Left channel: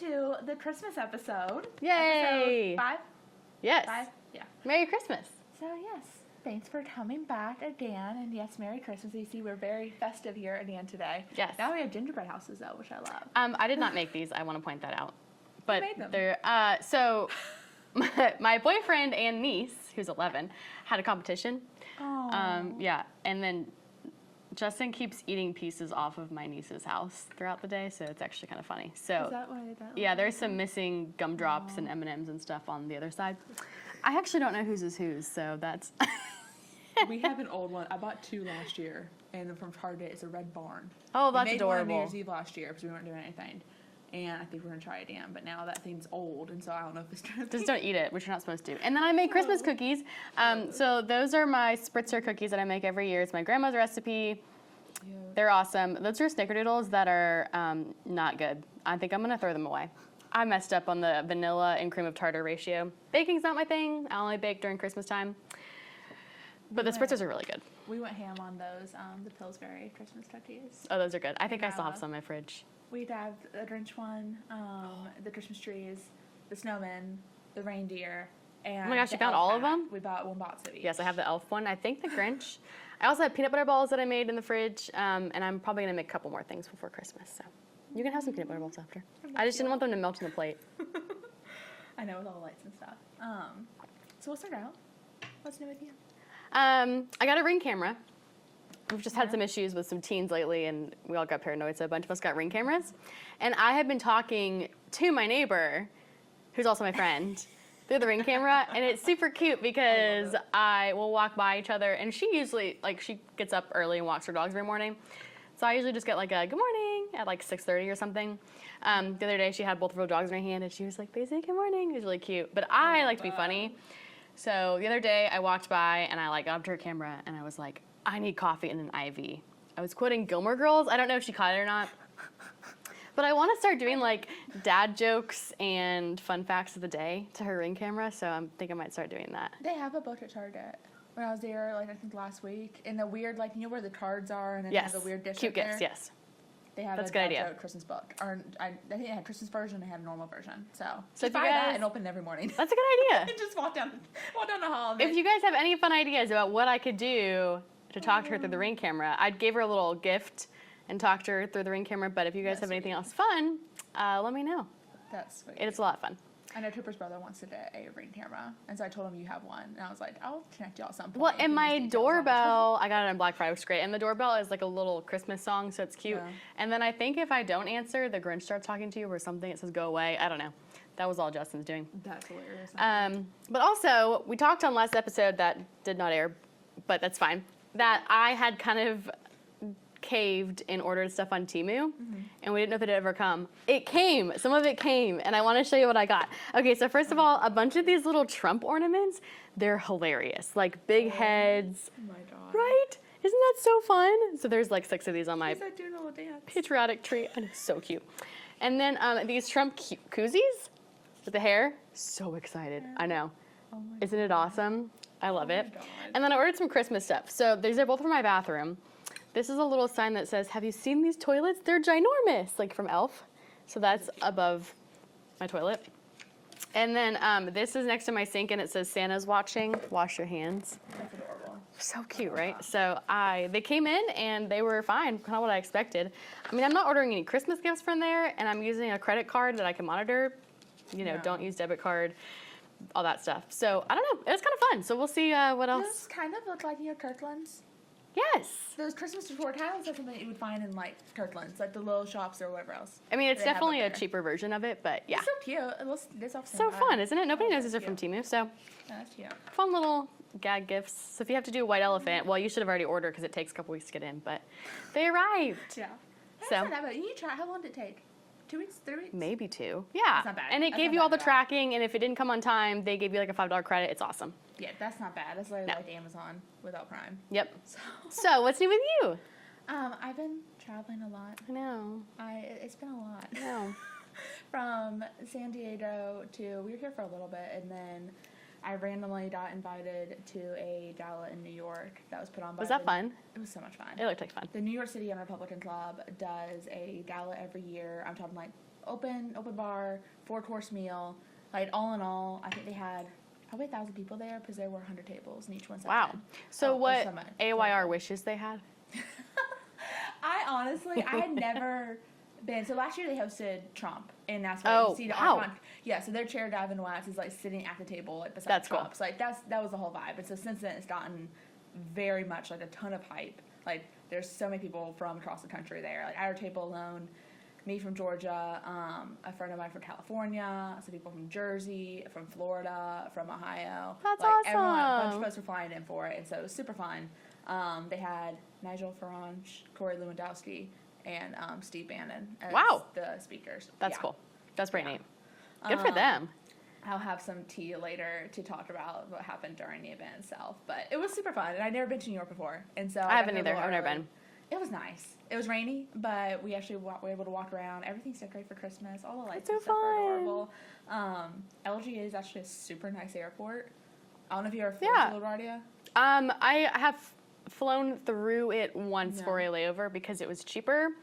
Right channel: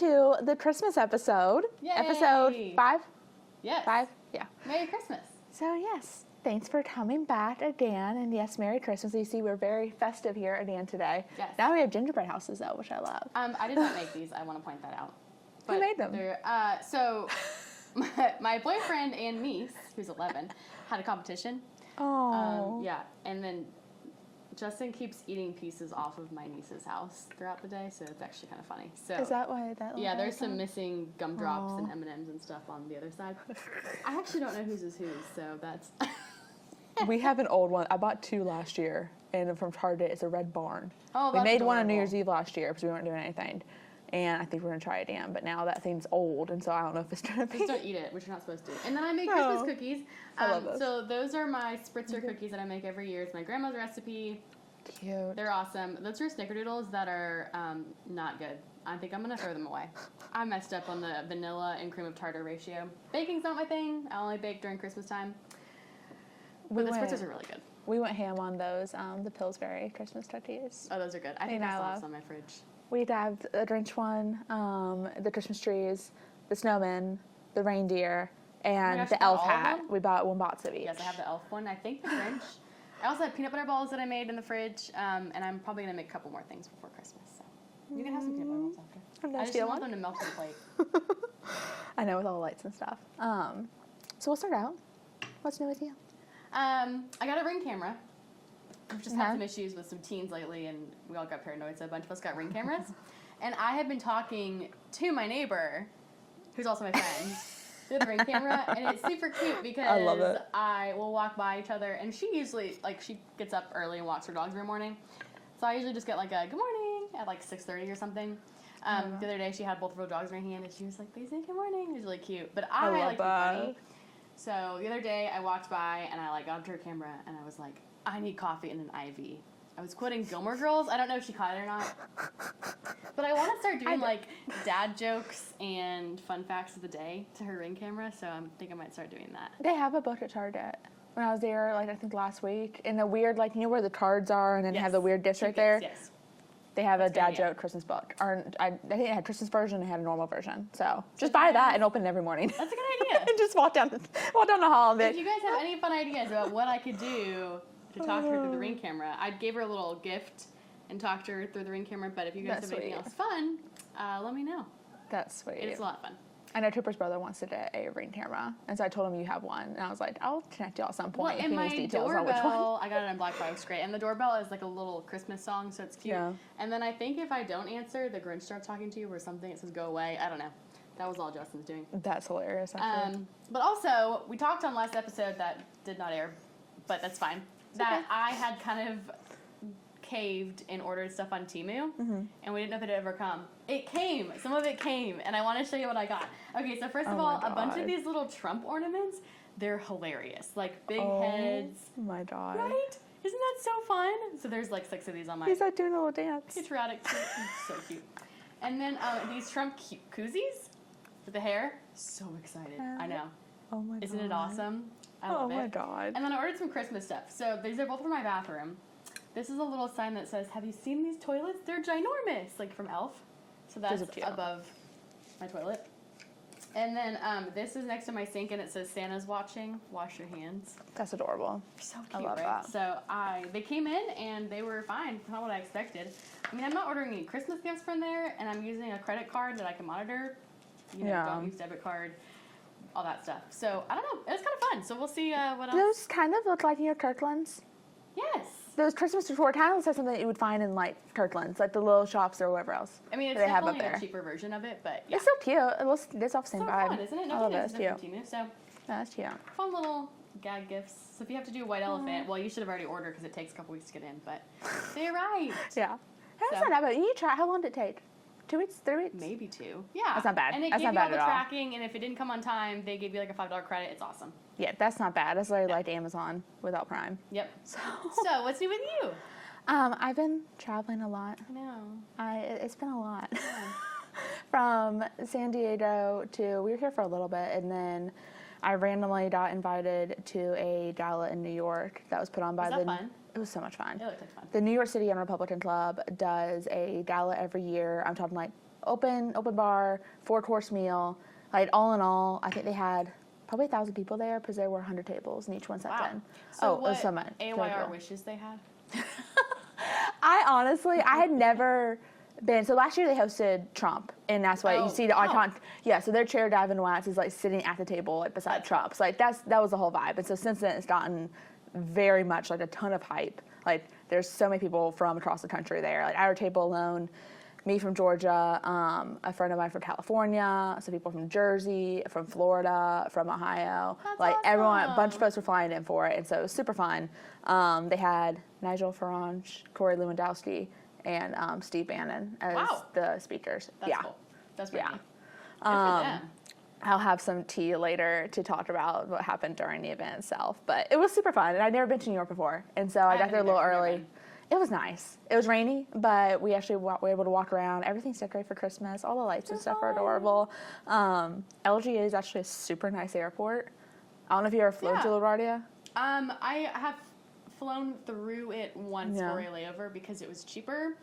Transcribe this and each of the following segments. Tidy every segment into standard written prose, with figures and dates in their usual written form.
to the Christmas episode. Yay! Episode 5? Yes. 5? Yeah. Merry Christmas. So, yes, thanks for coming back again. And yes, Merry Christmas. You see, we're very festive here at the end today. Yes. Now we have gingerbread houses, though, which I love. I did not make these. I want to point that out. But You made them. They're, so my boyfriend and niece, who's 11, had a competition. Oh. Yeah, and then Justin keeps eating pieces off of my niece's house throughout the day, so it's actually kind of funny. So Is that why that? yeah, there's some missing gumdrops and M&Ms and stuff on the other side. I actually don't know whose is whose, so that's. We have an old one. I bought 2 last year, and from Target. It's a red barn. Oh, that's We made one on New adorable. Year's Eve last year because we weren't doing anything. And I think we're going to try it again. But now that thing's old, and so I don't know if it's going to Just don't eat it, which you're not supposed to. And then I make Christmas cookies. I love those. So those are my spritzer cookies that I make every year. It's my grandma's recipe. Cute. They're awesome. Those are snickerdoodles that are not good. I think I'm going to throw them away. I messed up on the vanilla and cream of tartar ratio. Baking's not my thing. I only bake during Christmas time. But the spritzers are really good. We went ham on those, the Pillsbury Christmas cookies. Oh, those are good. I think I still have Vanilla. some in my fridge. We have the Grinch one, the Christmas trees, the snowman, the reindeer, and Oh my gosh, the you got elf all of hat. them? We bought 1 box of each. Yes, I have the elf one. I think the Grinch. I also have peanut butter balls that I made in the fridge, and I'm probably going to make a couple more things before Christmas. So you can have some peanut butter balls after. I just didn't want them to melt to the plate. I know, with all the lights and stuff. So we'll start out. What's new with you? I got a Ring camera. We've just had Yeah. some issues with some teens lately, and we all got paranoid, so a bunch of us got Ring cameras. And I have been talking to my neighbor, who's also my friend, through the Ring camera, and it's super cute because I will walk by each other, and she usually, she gets up early and walks her dogs every morning. So I usually just get like a good morning at like 6:30 or something. The other day she had both of her dogs in her hand, and she was like, they say good morning. It was really cute. But I love like to be that. funny. So the other day I walked by and I got up to her camera and I was like, I need coffee and an IV. I was quoting Gilmore Girls. I don't know if she caught it or not. But I want to start doing dad jokes and fun facts of the day to her Ring camera. So I think I might start doing that. They have a book at Target. When I was there, I think last week, in the weird, you know where the cards are, and then they have the weird dish Cute right there? gifts, yes. They have That's a a good dad idea. joke Christmas book. Or I think it had Christmas version and it had a normal version. So if just you buy that guys- and open it every morning. That's a good idea. And just walk down the hall. And be If you guys have any fun ideas about what I could do to talk to her through the Ring camera, I'd give her a little gift and talk to her through the Ring camera. But if you guys That's have anything sweet. else fun, let me know. That's sweet. It's a lot of fun. I know Trooper's brother wants to get a Ring camera, and so I told him you have one, and I was like, I'll connect you at some point. Well, if and he my needs details on which one. doorbell, I got it on Black Friday, which is great. And the doorbell is like a little Christmas song, so it's cute. Yeah. And then I think if I don't answer, the Grinch starts talking to you or something. It says go away. I don't know. That was all Justin's doing. That's hilarious. actually. But also, we talked on last episode that did not air, but that's fine. That I had kind of caved and ordered stuff on Temu, and we didn't know if it had ever come. It came. Some of it came, and I want to show you what I got. Okay, so first of all, a bunch of these little Trump ornaments, they're hilarious. Like big heads. Oh my God. Right? Isn't that so fun? So there's 6 of these on my He's like doing a little dance. patriotic tree. And it's so cute. And then these Trump koozies with the hair. So excited. I know. Oh my Isn't it awesome? I love Oh it. my God. And then I ordered some Christmas stuff. So these are both for my bathroom. This is a little sign that says, have you seen these toilets? They're ginormous, from Elf. So that's above my toilet. And then this is next to my sink, and it says, Santa's watching. Wash your hands. That's adorable. So cute, love right? that. So they came in, and they were fine, kind of what I expected. I mean, I'm not ordering any Christmas gifts from there, and I'm using a credit card that I can monitor. Yeah. Don't use debit card, all that stuff. So I don't know. It was kind of fun. So we'll see what else. Those kind of look like Kirkland's. Yes. Those Christmas decor kind of looks like something that you would find in Kirkland's, like the little shops or whatever else. I mean, it's that they have up definitely a there. cheaper version of it, but yeah. It's so cute. It looks, it's off the same So vibe. fun, isn't it? Nobody Oh, knows that's these are from cute. Temu, so Yeah, that's cute. fun little gag gifts. So if you have to do a white elephant, well, you should have already ordered because it takes a couple weeks to get in, but they arrived. Yeah. That's So- not that bad. You try. How long did it take? 2 weeks? 3 weeks? Maybe 2. Yeah. That's not bad. And it That's gave not you all bad the at all. tracking, and if it didn't come on time, they gave you a $5 credit. It's awesome. Yeah, that's not bad. That's literally like Amazon without Prime. Yep. So, So what's new with you? I've been traveling a lot. I know. It's been a lot. Yeah. From San Diego to, we were here for a little bit, and then I randomly got invited to a gala in New York that was put on by Was that fun? It was so much fun. It looked like fun. The New York City Young Republican Club does a gala every year. I'm talking open bar, 4-course meal. Like all in all, I think they had probably 1,000 people there because there were 100 tables and each one sat in. So what so much. AYR wishes they had? I honestly, I had never been. So last year they hosted Trump, and that's why you see the icon. Yeah, so their chair, Davin Watts, is like sitting at the table like beside Trump. Cool. So like that was the whole vibe. And so since then, it's gotten very much like a ton of hype. Like there's so many people from across the country there. Like our table alone, me from Georgia, a friend of mine from California, some people from Jersey, from Florida, from Ohio. That's like awesome. Everyone, a bunch of folks were flying in for it, and so it was super fun. They had Nigel Farage, Corey Lewandowski, and Steve Bannon as the speakers. That's cool. That's pretty neat. Good for them. I'll have some tea later to talk about what happened during the event itself. But it was super fun, and I'd never been to New York before, and so I got there a little early. It was nice. It was rainy, but we actually were able to walk around. Everything's decorated for Christmas. All the lights and stuff are adorable. LGA is actually a super nice airport. I don't know if you ever flown to LaGuardia. I have flown through it once for a layover because it was cheaper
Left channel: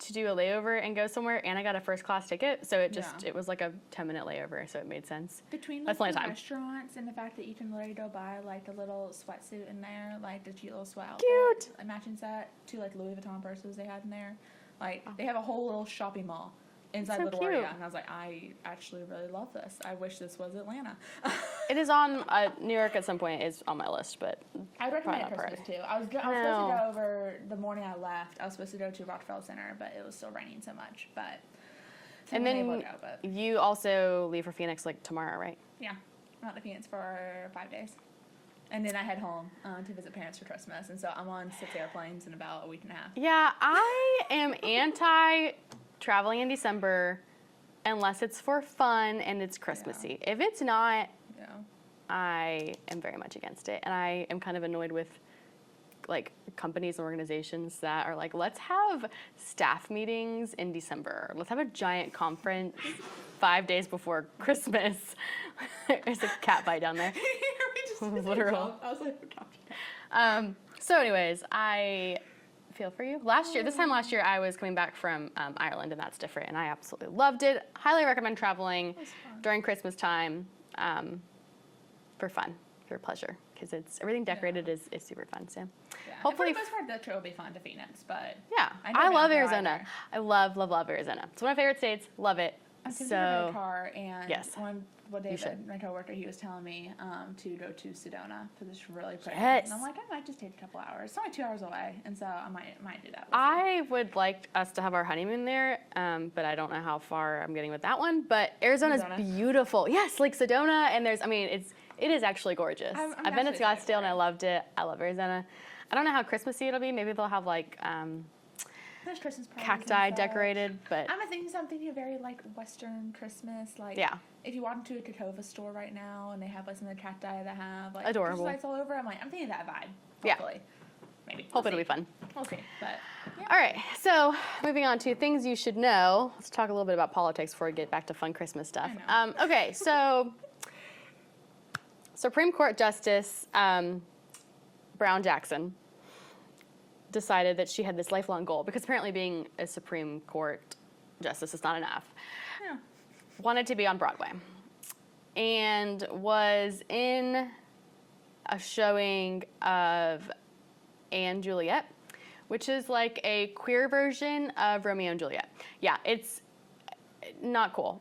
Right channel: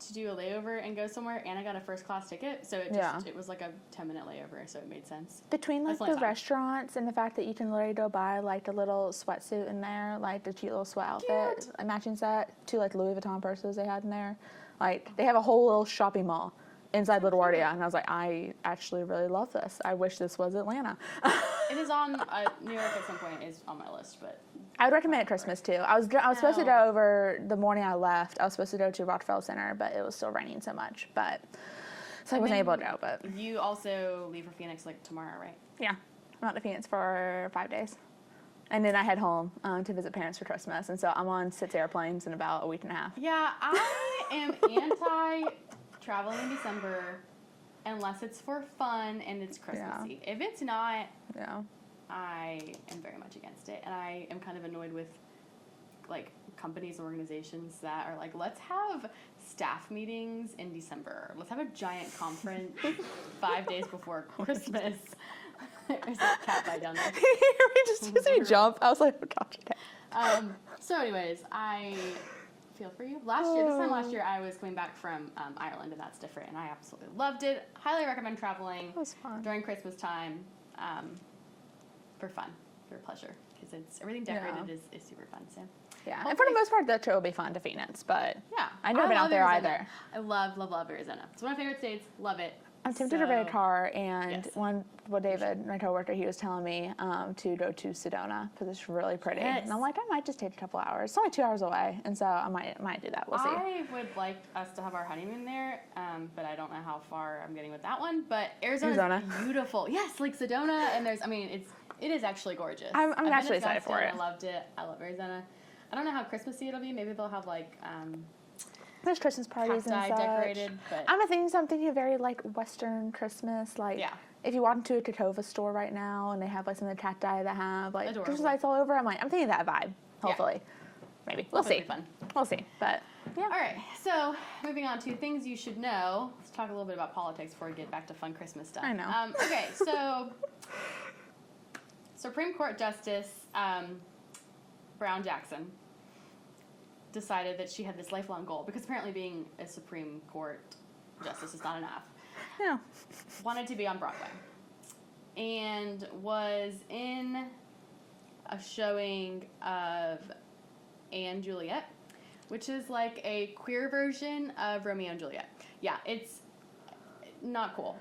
to do a layover and go somewhere, and I got a first class ticket, so it was like a 10-minute layover, so it made sense. Between like the restaurants and the fact that you can literally go buy like the little sweatsuit in there, like the cute little sweat outfit, a matching set, 2 like Louis Vuitton purses they had in there. Like they have a whole little shopping mall inside LaGuardia, and I was like, I actually really love this. I wish this was Atlanta. It is on New York at some point is on my list, but I would recommend it Christmas too. I was supposed to go over the morning I left. I was supposed to go to Rockefeller Center, but it was still raining so much. But so I wasn't able to go. But you also leave for Phoenix like tomorrow, right? Yeah, I'm out to Phoenix for 5 days, and then I head home to visit parents for Christmas. And so I'm on 6 airplanes in about a week and a half. Yeah, I am anti traveling in December unless it's for fun and it's Christmassy. If it's not, I am very much against it. And I am kind of annoyed with like companies and organizations that are like, let's have staff meetings in December. Let's have a giant conference 5 days before Christmas. There's a cat bite down there. We just jump. I was like, oh gosh. So anyways, I feel for you. This time last year, I was coming back from Ireland, and that's different, and I absolutely loved it. Highly recommend traveling during Christmas time for fun, for pleasure, because everything decorated is super fun. So and for the most part, the trip will be fun to Phoenix, but I love Arizona. I love Arizona. It's one of my favorite states. Love it. I'm tempted to rent a car, and David, my coworker, he was telling me to go to Sedona because it's really pretty. And I'm like, I might just take a couple hours. It's only 2 hours away, and so I might do that. We'll see. I would like us to have our honeymoon there, but I don't know how far I'm getting with that one. But Arizona's beautiful. Yes, like Sedona, and it is actually gorgeous. I've been to Scottsdale and I loved it. I love Arizona. I don't know how Christmassy it'll be. Maybe they'll have like there's Christmas parties cacti decorated, but I'm thinking a very like Western Christmas. Like if you walk into a Tacova store right now and they have like some of the cacti that have like adorable Christmas lights all over, I'm thinking that vibe. Hopefully, maybe we'll see. It'll be fun. We'll see. But all right. So moving on to things you should know. Let's talk a little bit about politics before we get back to fun Christmas stuff. I know. Okay. So Supreme Court Justice Brown Jackson decided that she had this lifelong goal, because apparently being a Supreme Court justice is not enough. Yeah. Wanted to be on Broadway and was in a showing of Anne Juliet, which is like a queer version of Romeo and Juliet. Yeah, it's not cool.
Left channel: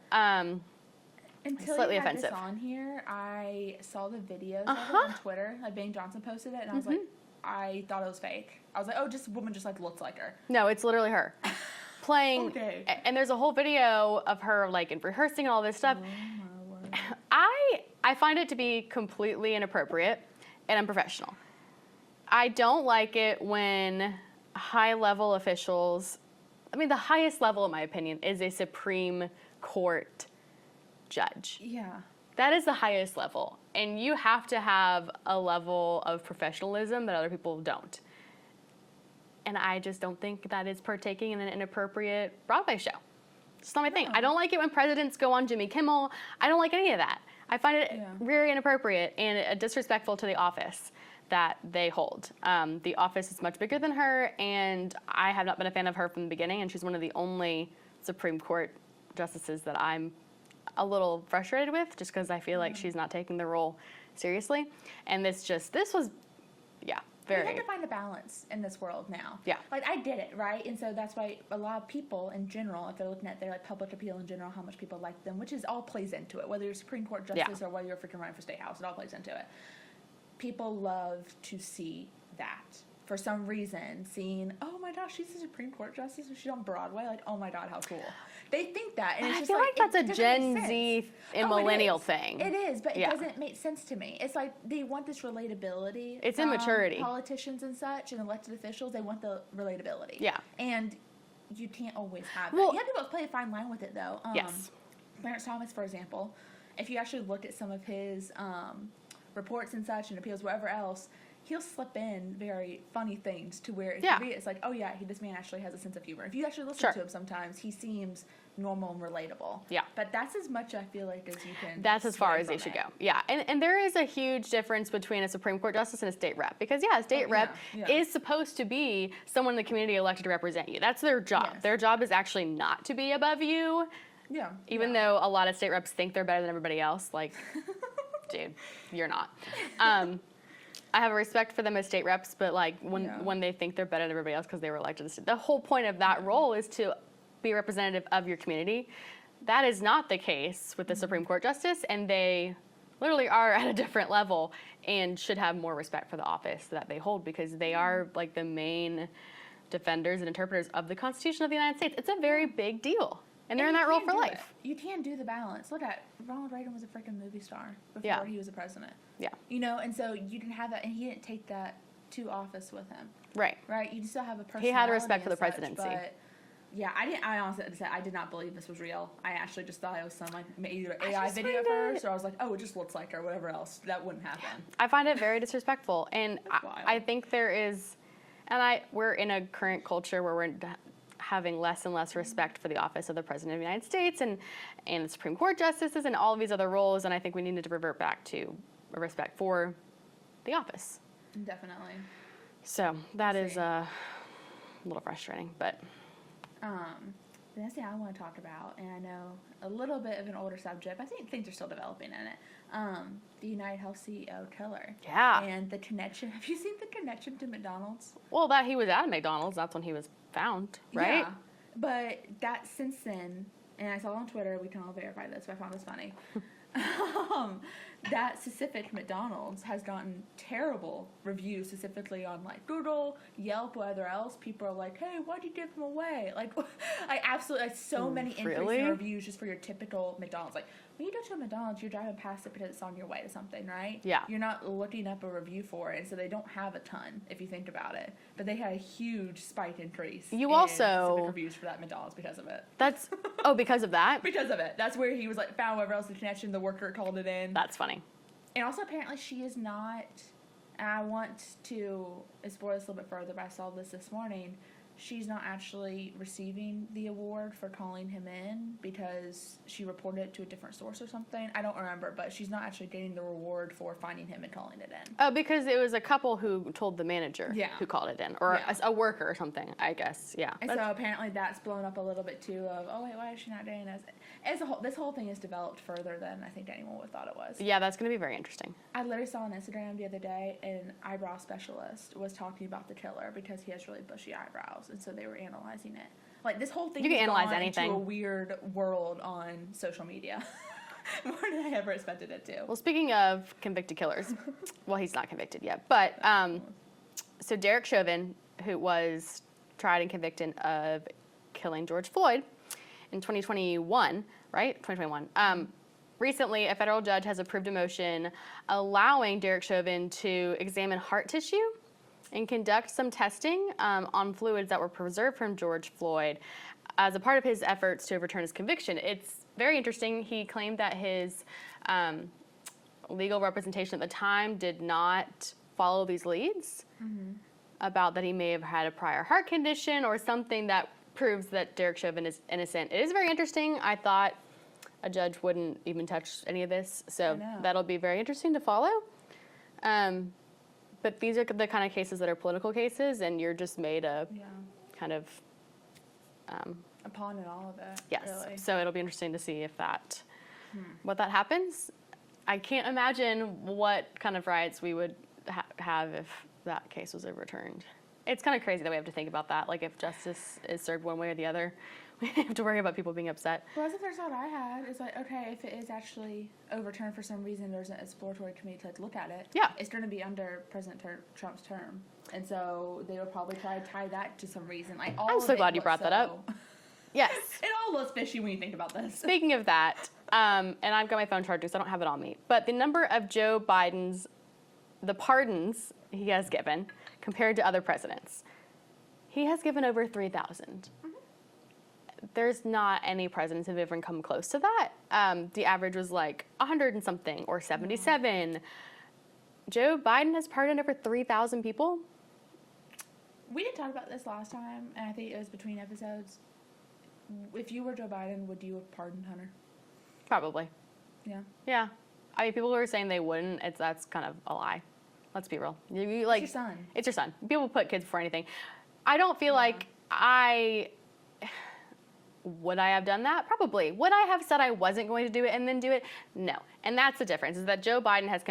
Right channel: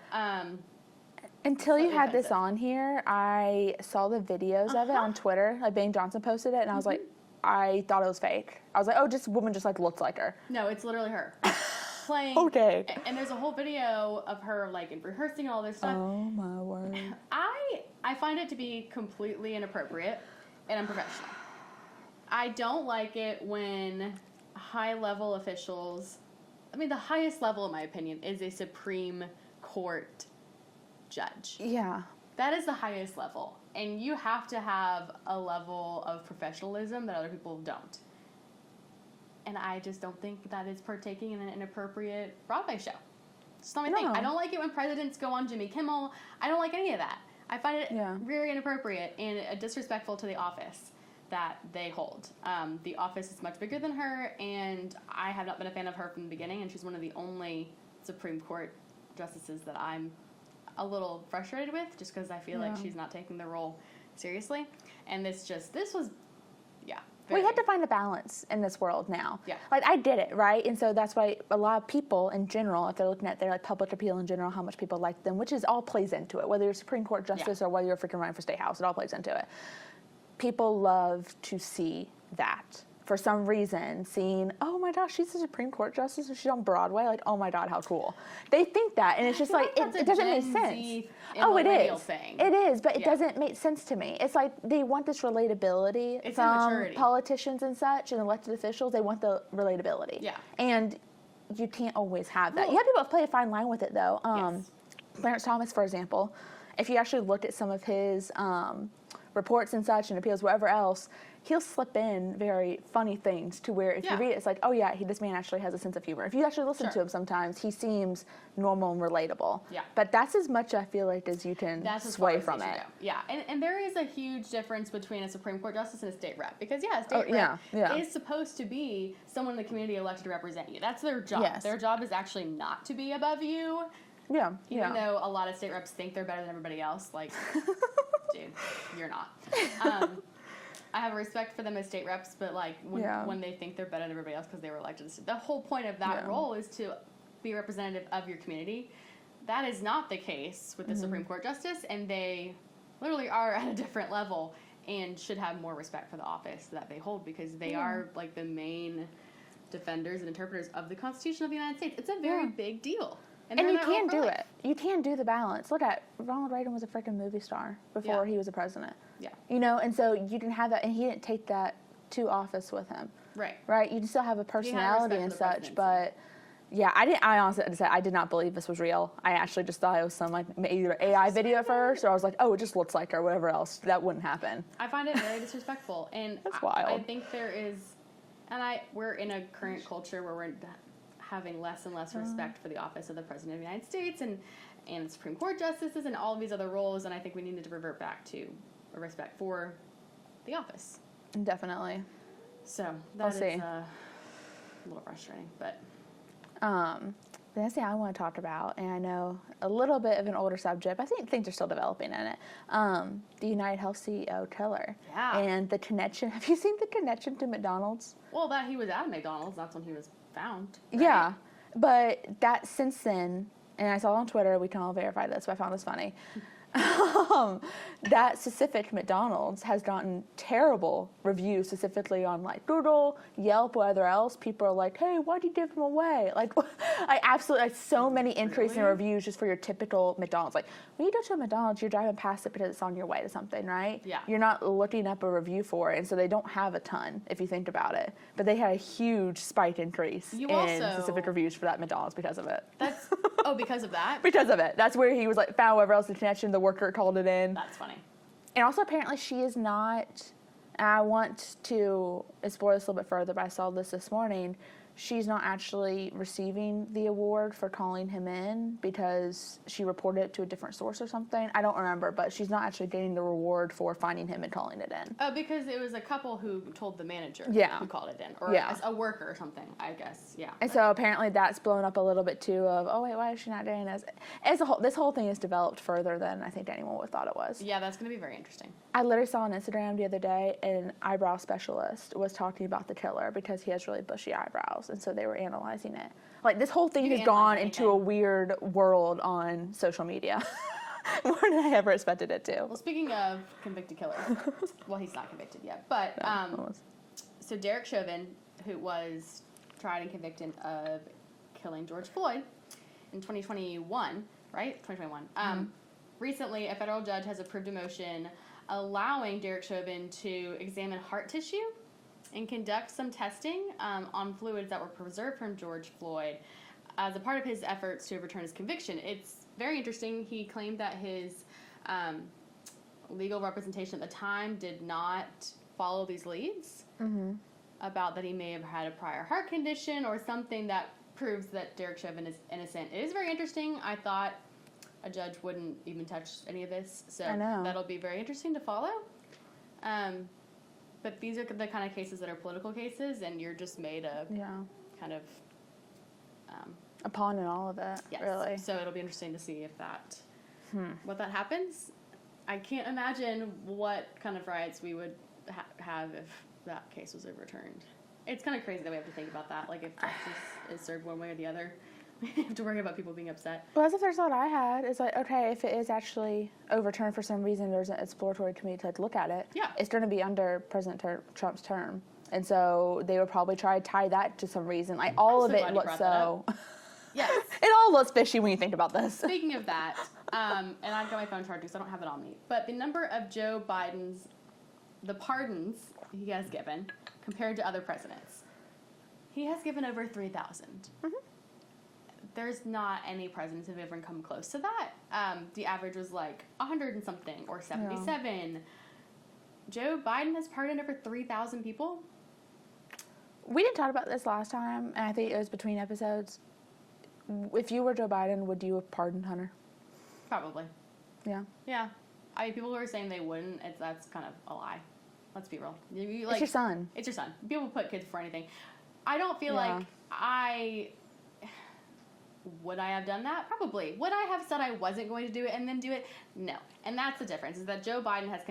Until you had this on here, I saw the videos of it on Twitter. Like Bane Johnson posted it, and I was like, I thought it was fake. I was like, oh, this woman just like looks like her. No, it's literally her playing. Okay. And there's a whole video of her like in rehearsing and all this stuff. Oh my word. I find it to be completely inappropriate and unprofessional. I don't like it when high-level officials, the highest level, in my opinion, is a Supreme Court judge. Yeah. That is the highest level. And you have to have a level of professionalism that other people don't. And I just don't think that is partaking in an inappropriate Broadway show. It's not my thing. I don't like it when presidents go on Jimmy Kimmel. I don't like any of that. I find it very inappropriate and disrespectful to the office that they hold. The office is much bigger than her, and I have not been a fan of her from the beginning, and she's one of the only Supreme Court justices that I'm a little frustrated with, just because I feel like she's not taking the role seriously. And this was, very... We have to find a balance in this world now. Yeah. Like, I get it, right? And so that's why a lot of people in general, if they're looking at their like public appeal in general, how much people like them, which is all plays into it, whether you're a Supreme Court justice or whether you're freaking running for State House, it all plays into it. People love to see that. For some reason, seeing, oh my gosh, she's a Supreme Court justice and she's on Broadway, like, oh my God, how cool. They think that, and it's just like that's it a doesn't Gen make Z sense. and millennial thing. It is, but it doesn't make sense to me. It's like they want this relatability. It's from immaturity. Politicians and such and elected officials, they want the relatability. Yeah. And you can't always have that. You have to play a fine line with it, though. Yes. Clarence Thomas, for example, if you actually looked at some of his reports and such and appeals, wherever else, he'll slip in very funny things to where if you read it, it's like, oh yeah, this man actually has a sense of humor. If you actually listen to him sometimes, he seems normal and relatable. Yeah. But that's as much, I feel like, as you can. That's as far as you should go. Yeah. And there is a huge difference between a Supreme Court justice and a state rep. Because, a state rep is supposed to be someone in the community elected to represent you. That's their job. Yes. Their job is actually not to be above you. Yeah. Even though a lot of state reps think they're better than everybody else. Like, dude, you're not. I have a respect for them as state reps, but like when they think they're better than everybody else because they were elected, the whole point of that role is to be representative of your community. That is not the case with the Supreme Court justice, and they literally are at a different level and should have more respect for the office that they hold, because they are like the main defenders and interpreters of the Constitution of the United States. It's a very big deal. And they're in that role for life. You can do the balance. Look at Ronald Reagan was a freaking movie star before he was a president. Yeah. You know, and so you didn't have that, and he didn't take that to office with him. Right. Right. You still have a personality. He had respect for the presidency. But yeah, I honestly said I did not believe this was real. I actually just thought it was some like either AI video first, or I was like, oh, it just looks like her, whatever else. That wouldn't happen. I find it very disrespectful, and I think there is, and we're in a current culture where we're having less and less respect for the office of the President of the United States and the Supreme Court justices and all of these other roles, and I think we needed to revert back to a respect for the office. Definitely. So that is a little frustrating, but... The next thing I want to talk about, and I know a little bit of an older subject, but I think things are still developing in it, the United Health CEO, Tiller. Yeah. And the connection. Have you seen the connection to McDonald's? Well, that he was at McDonald's, that's when he was found, right? Yeah. But that since then, and I saw it on Twitter, we can all verify this, but I found this funny. That specific McDonald's has gotten terrible reviews, specifically on like Google, Yelp, whatever else. People are like, "Hey, why'd you give them away?" Like, I absolutely like so many entries and reviews just for your typical McDonald's. Like, when you go to a McDonald's, you're driving past it because it's on your way to something, right? Yeah. You're not looking up a review for it, and so they don't have a ton if you think about it. But they had a huge spike increase in specific reviews for that McDonald's because of it. That's because of that. Because of it. That's where he was like found wherever else the connection. The worker called it in. That's funny. And also, apparently, she is not, and I want to explore this a little bit further, but I saw this morning, she's not actually receiving the award for calling him in because she reported it to a different source or something. I don't remember, but she's not actually getting the reward for finding him and calling it in. Oh, because it was a couple who told the manager who called it in, or a worker or something, I guess. Yeah. And so apparently that's blown up a little bit too of, oh wait, why is she not doing this? This whole thing is developed further than I think anyone would have thought it was. Yeah, that's going to be very interesting. I literally saw on Instagram the other day an eyebrow specialist was talking about the Tiller because he has really bushy eyebrows. And so they were analyzing it. Like, this whole thing has gone into a weird world on social media. More than I ever expected it to. Well, speaking of convicted killers, well, he's not convicted yet, but so Derek Chauvin, who was tried and convicted of killing George Floyd in 2021, right? 2021. Recently, a federal judge has approved a motion allowing Derek Chauvin to examine heart tissue and conduct some testing on fluids that were preserved from George Floyd as a part of his efforts to overturn his conviction. It's very interesting. He claimed that his legal representation at the time did not follow these leads about that he may have had a prior heart condition or something that proves that Derek Chauvin is innocent. It is very interesting. I thought a judge wouldn't even touch any of this, so that'll be very interesting to follow. But these are the kind of cases that are political cases, and you're just made a kind of A pawn in all of it. Yes. Really. So it'll be interesting to see if that, what that happens. I can't imagine what kind of riots we would have if that case was overturned. It's kind of crazy that we have to think about that. Like, if justice is served one way or the other, we have to worry about people being upset. Well, that's the first thought I had. It's like, okay, if it is actually overturned for some reason, there's an exploratory committee to look at it. Yeah. It's going to be under President Trump's term. And so they would probably try to tie that to some reason. Like, all I'm so glad you brought that up. Yes. It all looks fishy when you think about this. Speaking of that, and I've got my phone charged, so I don't have it on me, but the number of Joe Biden's, the pardons he has given compared to other presidents, he has given over 3,000. There's not any presidents who have ever come close to that. The average was like 100 and something, or 77. No. Joe Biden has pardoned over 3,000 people. We didn't talk about this last time, and I think it was between episodes. If you were Joe Biden, would you have pardoned Hunter? Probably. Yeah. Yeah. I mean, people who are saying they wouldn't, that's kind of a lie. Let's be real. It's your son. It's your son. People put kids before anything. I don't feel like would I have done that? Probably. Would I have said I wasn't going to do it and then do it? No. And that's the difference, is that Joe Biden has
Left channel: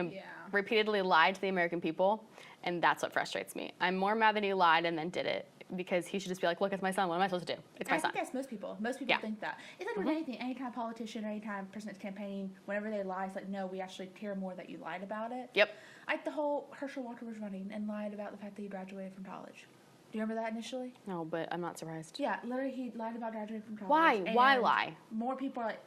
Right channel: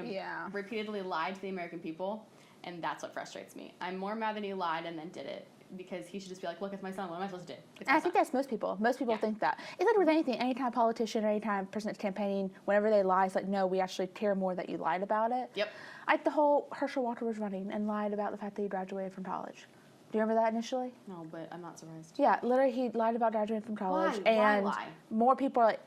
repeatedly lied to the American people, and that's what frustrates me. I'm more mad that he lied and then did it, because he should just be like, look, it's my son. What am I supposed to do? It's my son. I think that's most people. Most people think that. It's like with anything. Anytime a politician or anytime a person that's campaigning, whenever they lie, it's like, no, we actually care more that you lied about it. Yep. Like the whole Herschel Walker was running and lied about the fact that he graduated from college. Do you remember that initially? No, but I'm not surprised. Yeah, literally he lied about graduating from college. Why? And why lie? More people are like,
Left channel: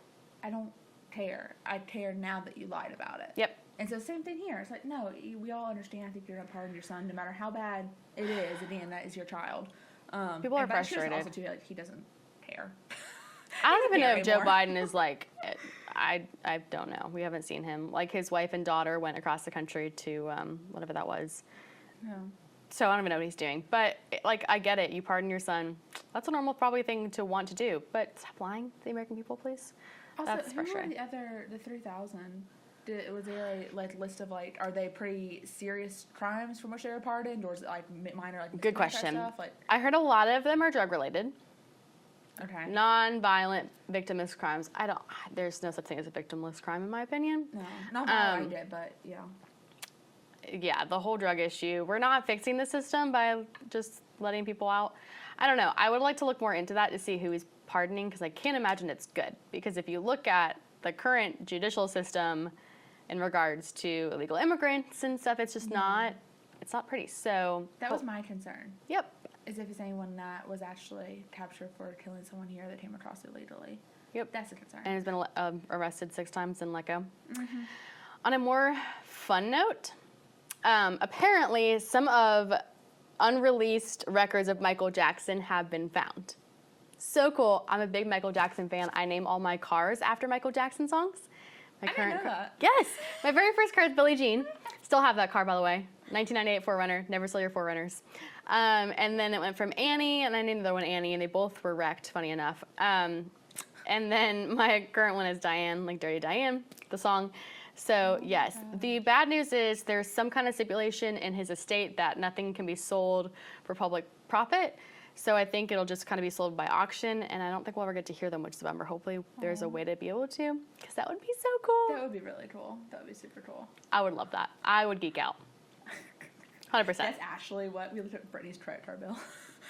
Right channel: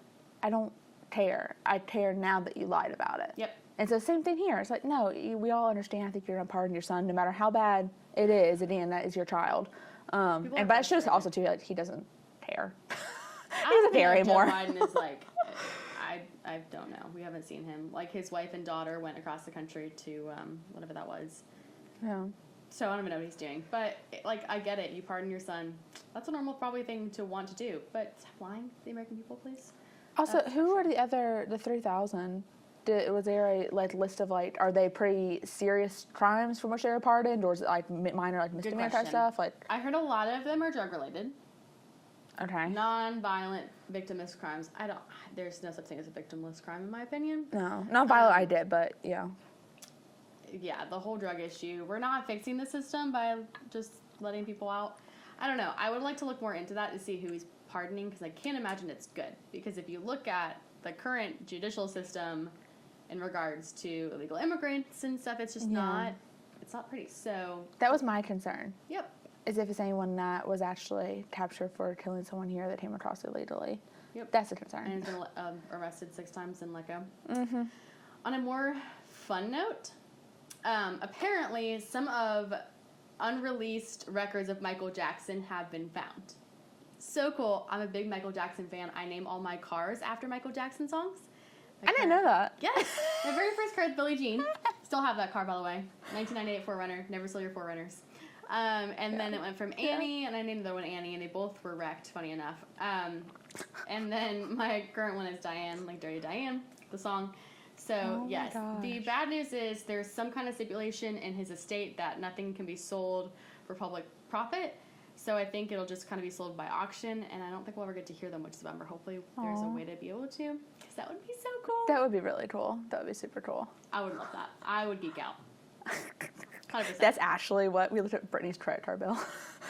I don't care. I care now that you lied about it. Yep. And so same thing here. It's like, no, we all understand. I think you're going to pardon your son, no matter how bad it is. At the end, that is your child. People are but it shows frustrated. also too that he doesn't care. I don't even know if Joe Biden is like. I don't know. We haven't seen him. Like, his wife and daughter went across the country to whatever that was. Yeah. So I don't even know what he's doing. But, like, I get it. You pardon your son. That's a normal, probably, thing to want to do. But stop lying to the American people, please. Also, who are the 3,000? Was there a list of are they pretty serious crimes from which they were pardoned, or is it minor Good question. Stuff? I heard a lot of them are drug related. Okay. Non-violent victimless crimes. There's no such thing as a victimless crime, in my opinion. No, not violent. I did, but yeah. Yeah, the whole drug issue. We're not fixing the system by just letting people out. I don't know. I would like to look more into that to see who he's pardoning, because I can't imagine it's good. Because if you look at the current judicial system in regards to illegal immigrants and stuff, it's just not. It's not pretty. So that was my concern. Yep. As if it's anyone that was actually captured for killing someone here that came across illegally. Yep. That's a concern. And has been arrested 6 times and let go. Mm-hmm. On a more fun note, apparently some of unreleased records of Michael Jackson have been found. So cool. I'm a big Michael Jackson fan. I name all my cars after Michael Jackson songs. I didn't know that. Yes. My very first car is Billie Jean. Still have that car, by the way. 1998 4Runner. Never sell your 4Runners. And then it went from Annie, and I named the other one Annie, and they both were wrecked, funny enough. And then my current one is Diane, like Dirty Diane, the song. So, yes. The bad news is there's some kind of stipulation in his estate that nothing can be sold for public profit. So I think it'll just kind of be sold by auction, and I don't think we'll ever get to hear them, which is a bummer. Hopefully there's a way to be able to, because that would be so cool. That would be really cool. That would be super cool. I would love that. I would geek out. 100%. That's actually what we looked at Brittany's credit card bill.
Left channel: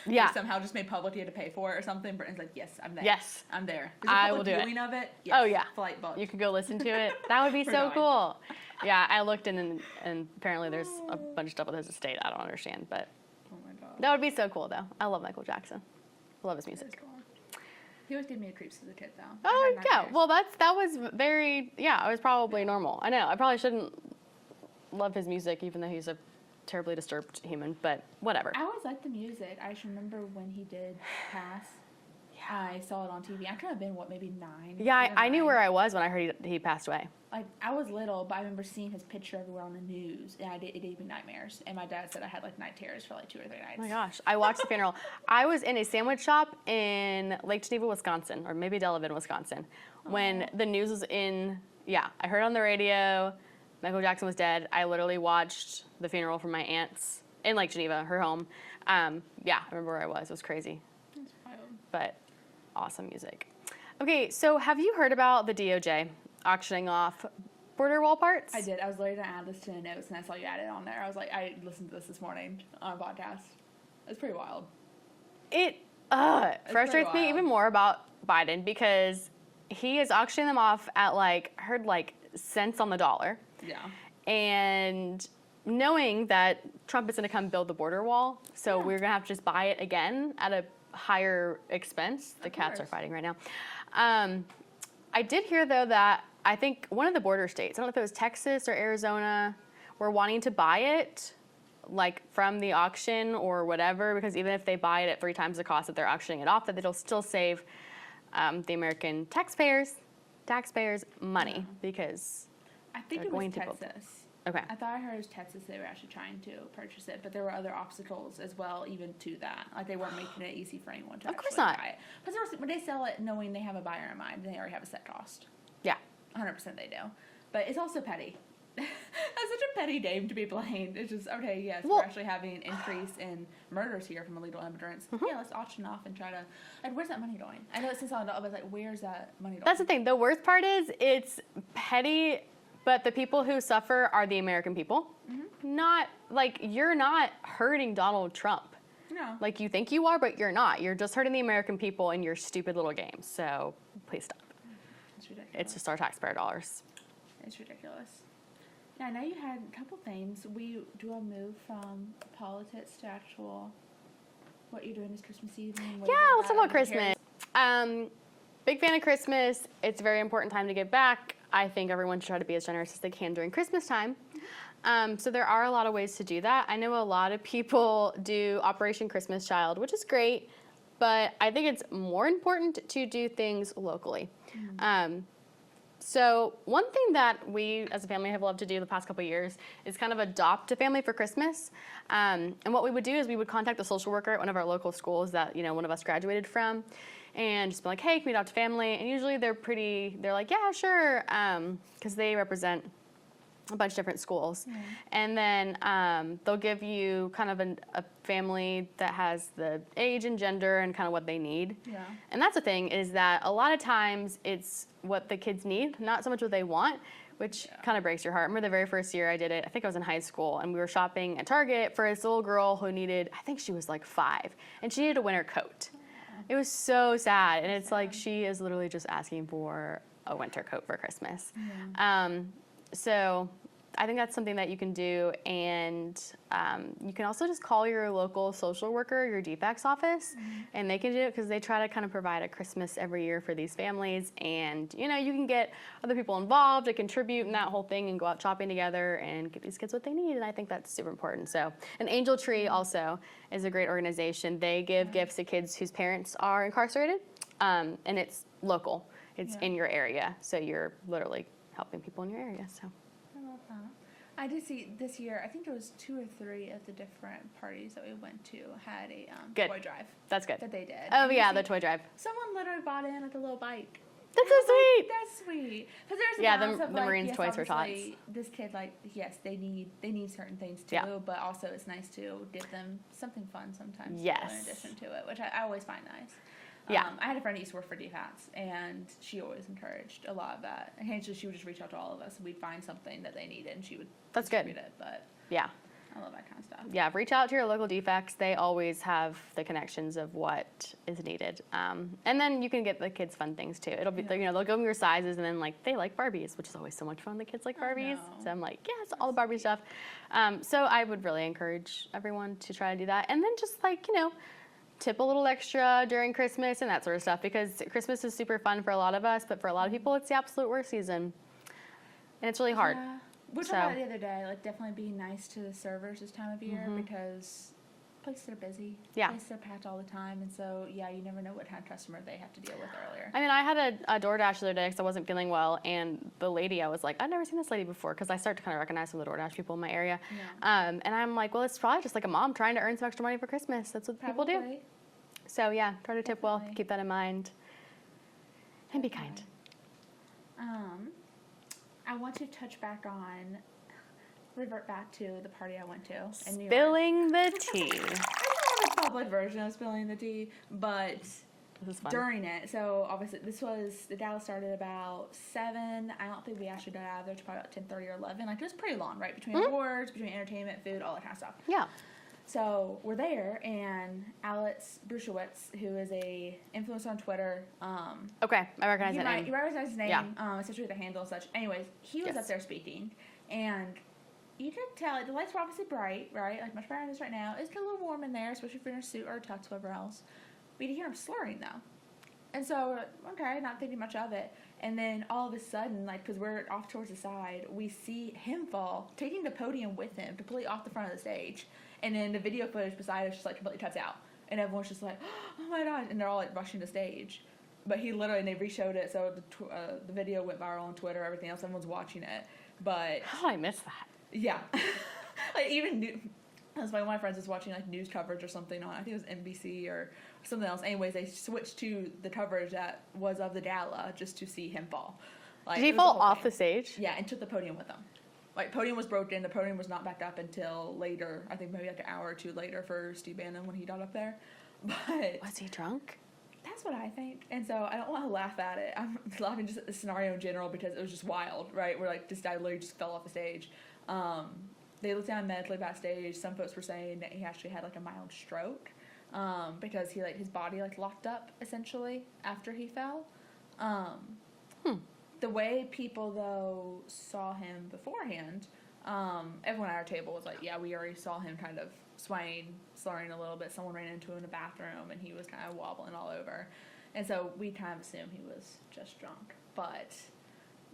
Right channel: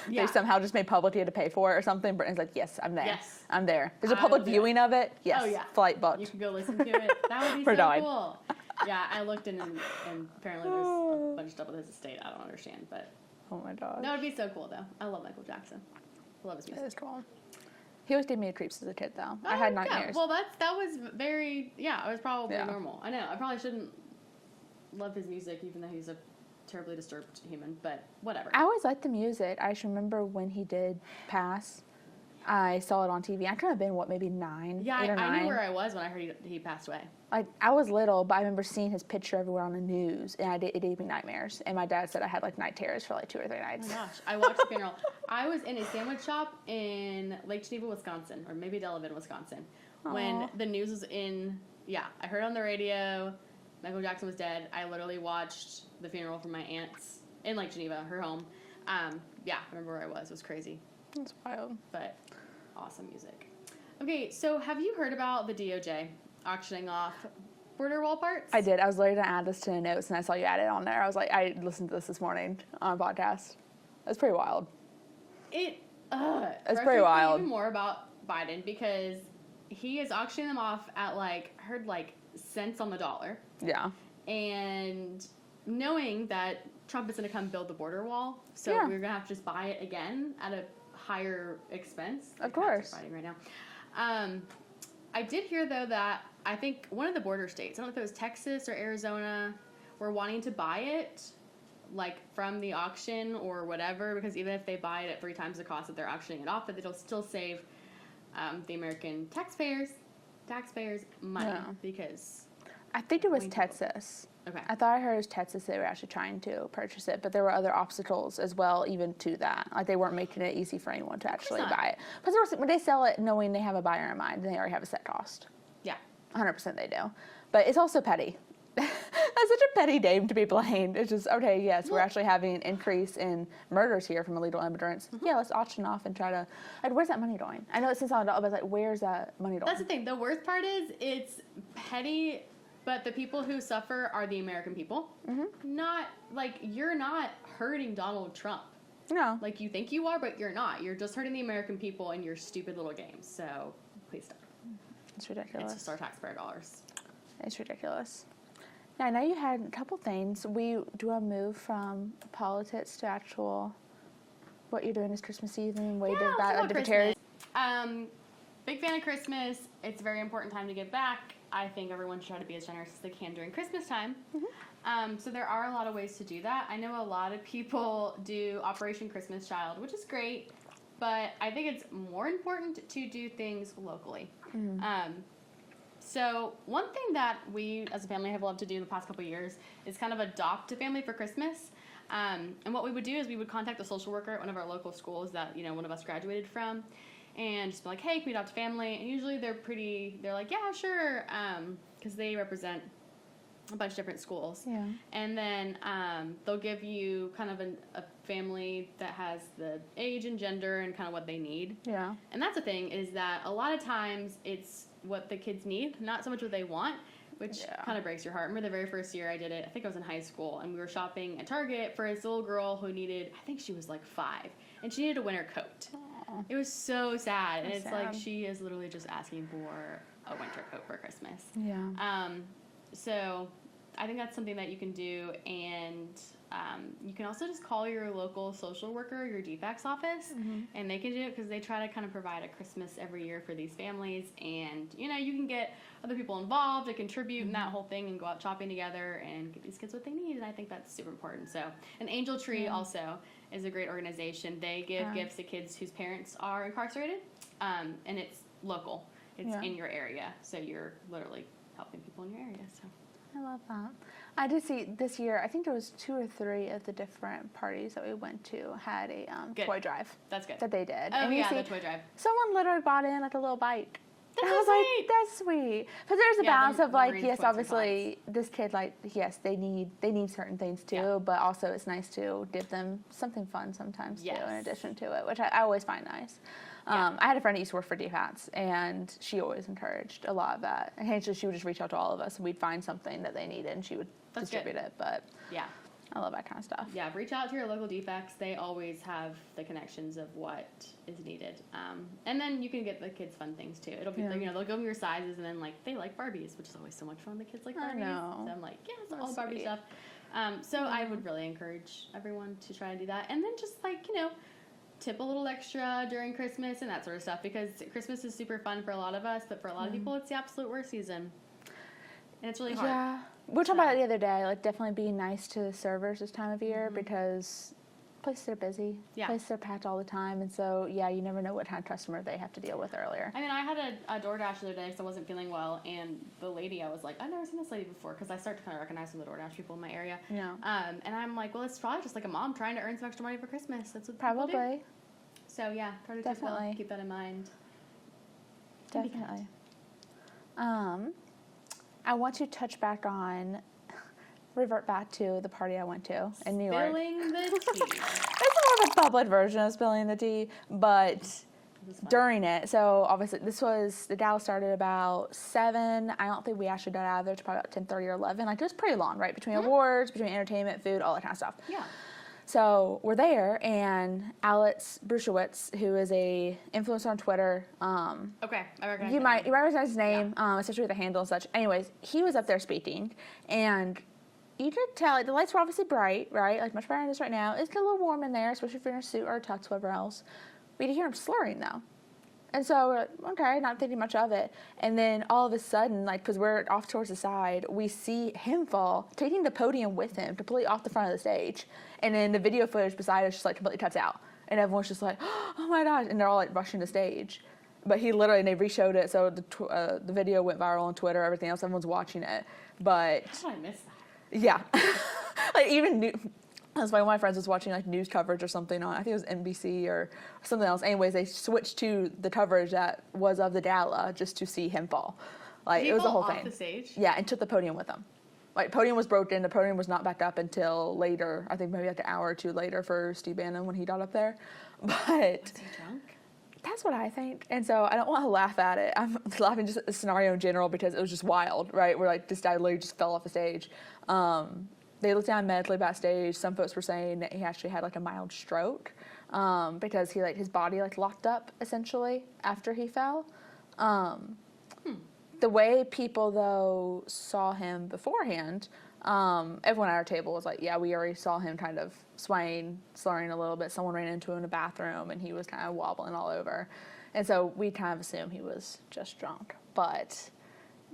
Yeah. They somehow just made public he had to pay for it or something. Brittany's like, yes, I'm there. Yes. I'm there. There's a public viewing of it. Yes. Oh, yeah. Flight booked. You could go listen to it. That would be so cool. Yeah, I looked in and apparently there's a bunch of stuff with his estate. I don't understand, but. Oh my God. That would be so cool, though. I love Michael Jackson. I love his music. That is cool. He always gave me the creeps as a kid, though. Oh, I had nightmares. yeah. Well, that was very, it was probably normal. I know. I probably shouldn't love his music, even though he's a terribly disturbed human, but whatever. I always liked the music. I just remember when he did pass. Yeah. I saw it on TV. I could have been, maybe 9? Yeah, I knew where I was when I heard he passed away. I was little, but I remember seeing his picture everywhere on the news, and it gave me nightmares. And my dad said I had night terrors for 2 or 3 nights. Oh my gosh. I watched the funeral. I was in a sandwich shop in Lake Geneva, Wisconsin, or maybe Delavan, Wisconsin, when the news was in, I heard on the radio Michael Jackson was dead. I literally watched the funeral from my aunt's in Lake Geneva, her home. I remember where I was. It was crazy. That's wild. But awesome music. Okay, so have you heard about the DOJ auctioning off border wall parts? I did. I was literally going to add this to the notes, and I saw you add it on there. I was like, I listened to this morning on a podcast. It's pretty wild. It frustrates me even more about Biden because he is auctioning them off at cents on the dollar. Yeah. And knowing that Trump is going to come build the border wall, so we're going to have to just buy it again at a higher expense. The cats are fighting right now. I did hear, though, that I think one of the border states, I don't know if it was Texas or Arizona, were wanting to buy it from the auction or whatever, because even if they buy it at 3 times the cost that they're auctioning it off, that it'll still save the American taxpayers money because I think it was Texas. Okay. I thought I heard it was Texas they were actually trying to purchase it, but there were other obstacles as well, even to that. They weren't making it easy for anyone to actually buy it. Because when they sell it knowing they have a buyer in mind, then they already have a set cost. Yeah. 100% they do. But it's also petty. That's such a petty name to be blamed. It's just, okay, yes, we're actually having an increase in murders here from illegal immigrants. Mm-hmm. Yeah, let's auction off and try to, where's that money going? I know it's $6, but where's that money going? That's the thing. The worst part is it's petty, but the people who suffer are the American people. Mm-hmm. Not, you're not hurting Donald Trump. No. You think you are, but you're not. You're just hurting the American people in your stupid little games. So please stop. It's ridiculous. It's just our taxpayer dollars. It's ridiculous. Yeah, I know you had a couple things. We do a move from politics to actual what you're doing this Christmas evening. Yeah, let's talk about Christmas. Big fan of Christmas. It's a very important time to give back. I think everyone should try to be as generous as they can during Christmas time. Mm-hmm. So there are a lot of ways to do that. I know a lot of people do Operation Christmas Child, which is great, but I think it's more important to do things locally. Mm-hmm. So one thing that we as a family have loved to do the past couple of years is kind of adopt a family for Christmas. And what we would do is we would contact the social worker at one of our local schools that one of us graduated from, and just be like, hey, can we adopt a family? And usually they're like, yeah, sure, because they represent a bunch of different schools. Yeah. And then they'll give you kind of a family that has the age and gender and kind of what they need. Yeah. And that's the thing, is that a lot of times it's what the kids need, not so much what they want, which kind of breaks your heart. I remember the very first year I did it, I think I was in high school, and we were shopping at Target for this little girl who needed, I think she was 5, and she needed a winter coat. Aww. It was so sad, and it's sad. She is literally just asking for a winter coat for Christmas. Yeah. So I think that's something that you can do, and you can also just call your local social worker, your DFACS office, mm-hmm. and they can do it because they try to kind of provide a Christmas every year for these families, and you can get other people involved to contribute in that whole thing and go out shopping together and give these kids what they need, and I think that's super important. So, and Angel Tree also is a great organization. They give gifts to kids whose parents are incarcerated, and it's local. It's in your area, so you're literally helping people in your area. So. I love that. I did see this year, I think there was 2 or 3 of the different parties that we went to had a toy drive. That's good. That they did. Oh, yeah, the toy drive. Someone literally bought in a little bike. That's so sweet. That's sweet. Because there's a balance of yes, obviously, this kid, yes, they need certain things too, but also it's nice to give them something fun sometimes too, in addition to it, which I always find nice. I had a friend that used to work for DFATS, and she always encouraged a lot of that. And she would just reach out to all of us, and we'd find something that they needed, and she would distribute it. But I love that kind of stuff. Yeah, reach out to your local DFACS. They always have the connections of what is needed. And then you can get the kids fun things too. It'll be, they'll give them your sizes, and then they like Barbies, which is always so much fun. The kids like Barbies. So I'm like, yes, all the Barbie stuff. So I would really encourage everyone to try to do that. And then just tip a little extra during Christmas and that sort of stuff, because Christmas is super fun for a lot of us, but for a lot of people, it's the absolute worst season. And it's really hard. Yeah. We were talking about it the other day, definitely being nice to the servers this time of year, because places are busy. Yeah. Places are packed all the time, and so, you never know what kind of customer they have to deal with earlier. I mean, I had a DoorDash the other day because I wasn't feeling well, and the lady, I was like, I've never seen this lady before, because I started to kind of recognize some of the DoorDash people in my area. Yeah. And I'm like, well, it's probably just a mom trying to earn some extra money for Christmas. That's what people do. So, try to tip well. Keep that in mind. And be kind. I want to revert back to the party I went to in New York. Spilling the tea. It's more of a public version of spilling the tea, but This is fun. during it, so obviously the gala started about 7. I don't think we actually got out of there till probably about 10:30 or 11. Like, it was pretty long, right? Between awards, between entertainment, food, all that kind of stuff. Yeah. So we're there, and Alex Brushewitz, who is a influencer on Twitter. Okay, I recognize You that might name. you might recognize his name, Yeah. especially with the handle and such. Anyways, he was Yes. up there speaking, and you could tell, like, the lights were obviously bright, right? Like, much brighter than this right now. It's a little warm in there, especially if you're in a suit or a tux, whatever else. We could hear him slurring, though. And so we're like, okay, not thinking much of it. And then all of a sudden, like, because we're off towards the side, we see him fall, taking the podium with him, completely off the front of the stage. And then the video footage beside us just, like, completely cuts out. And everyone's just like, oh my gosh. And they're all, like, rushing to stage. But he literally, and they re-showed it, so the video went viral on Twitter, everything else, everyone's watching it. But How did I miss that? yeah. Like, even that's why one of my friends was watching, like, news coverage or something on, I think it was NBC or something else. Anyways, they switched to the coverage that was of the gala just to see him fall. Like, Did he it was fall the whole off thing. the stage? Yeah, and took the podium with him. Like, podium was broken. The podium was not back up until later. I think maybe like an hour or two later for Steve Bannon when he got up there. But Was he drunk? that's what I think. And so I don't want to laugh at it. I'm laughing just at the scenario in general because it was just wild, right? Where, like, this guy literally just fell off the stage. They looked down medically backstage. Some folks were saying that he actually had, like, a mild stroke because he, like, his body, like, locked up essentially after he fell. The way people, though, saw him beforehand, everyone at our table was like, yeah, we already saw him kind of swaying, slurring a little bit. Someone ran into him in the bathroom, and he was kind of wobbling all over. And so we kind of assumed he was just drunk. But,